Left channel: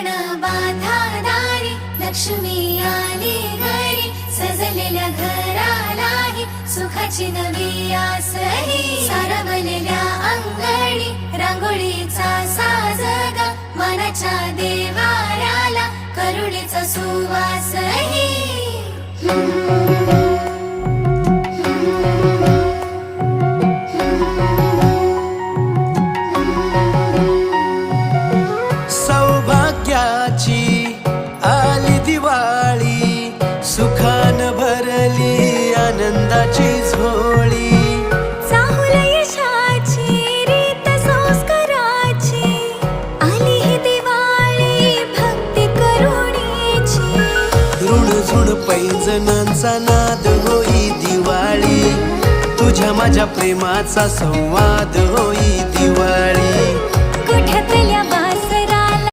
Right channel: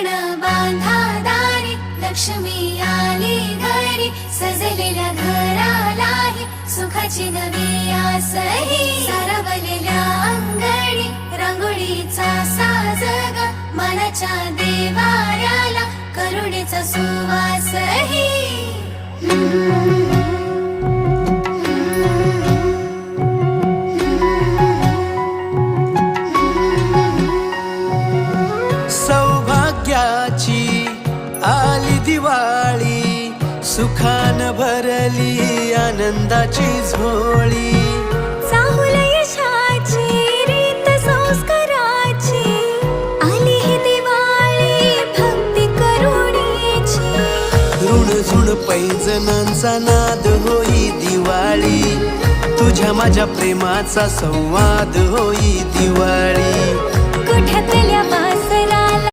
तोरण बांधा दारी, लक्ष्मी आली घरी, सजलेल्या घरालाही सुखाची नवी आसही. सारवलेल्या अंगणी रांगोळीचा साज ग, मनाच्या देवाऱ्याला करुणेचा सुवासही. सौभाग्याची आली दिवाळी, सुखान भरली आनंदाची झोळी. चाहुल यशाची रीत संस्काराची, आली ही दिवाळी भक्ती करुणेची. ऋणझुण पैंजणांचा नाद होई दिवाळी, तुझ्या माझ्या प्रेमाचा संवाद होई दिवाळी. गोठ्यातल्या